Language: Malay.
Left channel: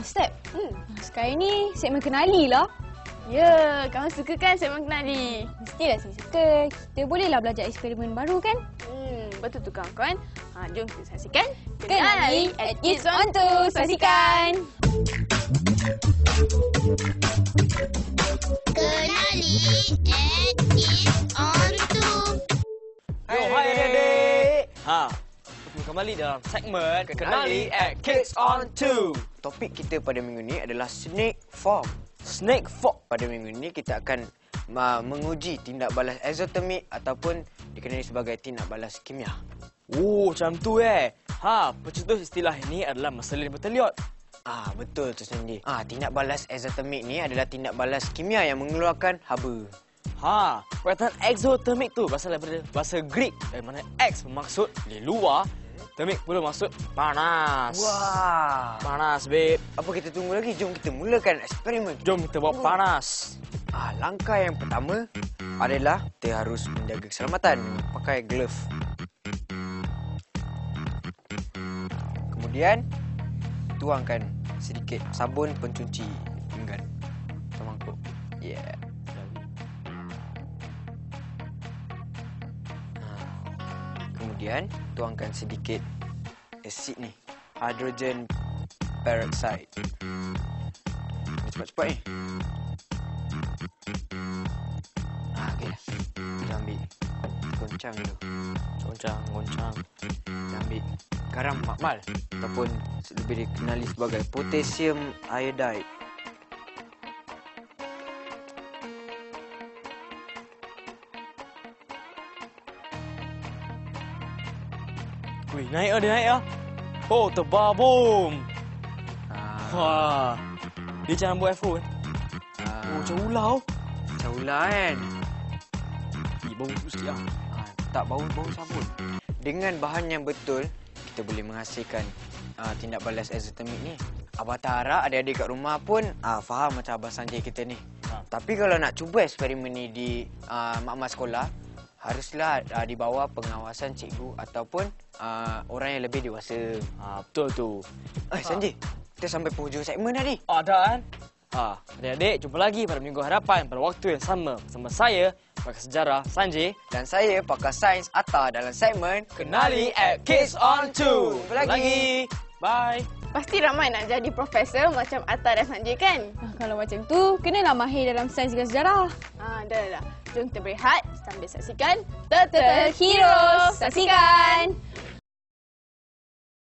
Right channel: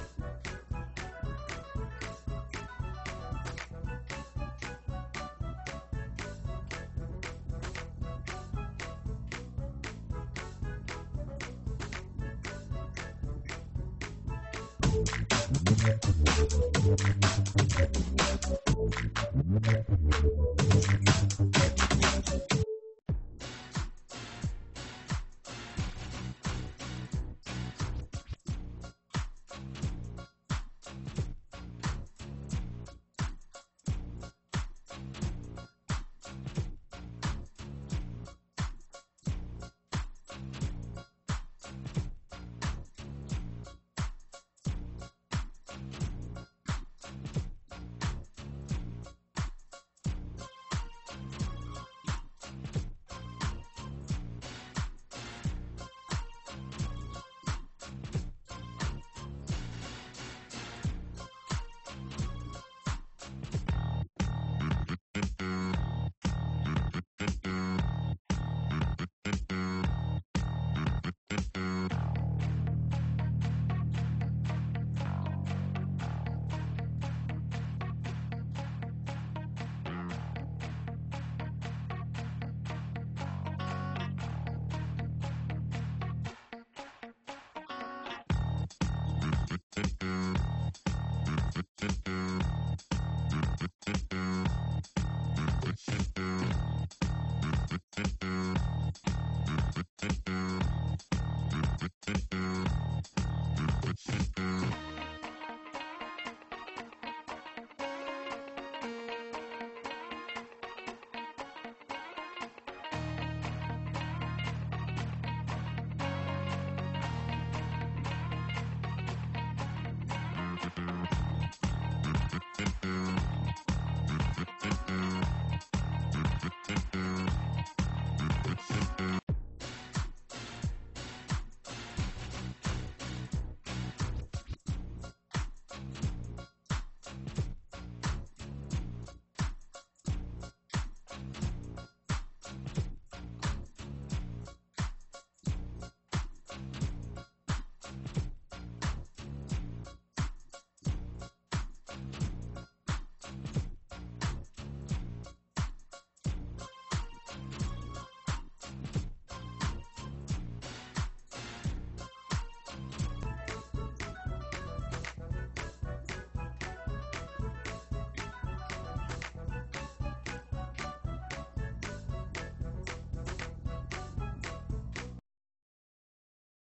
Step. Sekarang ni segmen kenali lah. Ya, kamu suka kan segmen kenali? Mestilah saya suka. Kita bolehlah belajar eksperimen baru kan? Betul tu kawan-kawan. Jom kita saksikan. Kenali at Kids on 2. Saksikan. Kenali at Kids on 2. Hai adik-adik. Kembali dalam segmen Kenali at Kids on 2. Topik kita pada minggu ni adalah snake fork. Snake fork. Pada minggu ni kita akan menguji tindak balas eksotermik ataupun dikenali sebagai tindak balas kimia. Oh, macam tu pencetus istilah ini adalah Marcelin Berteliot. Betul tu Sandy. Tindak balas eksotermik ni adalah tindak balas kimia yang mengeluarkan haba. Perkataan exothermic tu berasal daripada bahasa Greek, dari mana X bermaksud di luar, thermic pula maksud panas. Wah. Panas, babe. Apa kita tunggu lagi? Jom kita mulakan eksperimen. Jom kita bawa panas. Langkah yang pertama adalah kita harus menjaga keselamatan. Pakai glove. Kemudian tuangkan sedikit sabun pencuci pinggan ke mangkuk. Kemudian tuangkan sedikit asid ni, hydrogen peroxide. Cepat-cepat ni. Ambil goncang tu. Goncang. Ambil garam makmal ataupun lebih dikenali sebagai potassium iodide. Naik dia. Oh, terbabung. Wah. Dia jangan buat iPhone. Macam ular. Macam ular kan? Bau sikit lah. Tak bau sabun. Dengan bahan yang betul, kita boleh menghasilkan tindak balas eksotermik ni. Abah tak harap adik-adik kat rumah pun faham macam Abah Sanjay kita ni. Tapi kalau nak cuba eksperimen ni di makmal sekolah, haruslah di bawah pengawasan cikgu ataupun orang yang lebih dewasa. Betul tu. Sanjay, kita sampai penghujung segmen dah ni. Dah kan? Adik-adik, jumpa lagi pada minggu hadapan pada waktu yang sama bersama saya, pakar sejarah Sanjay, Dan saya, pakar sains Atta dalam segmen Kenali at Kids on 2. Jumpa lagi. Bye. Pasti ramai nak jadi profesor macam Atta dan Sanjay kan? Kalau macam tu, kenalah mahir dalam sains dan sejarah. Dah. Jom kita berehat sambil saksikan Turtle Heroes. Saksikan.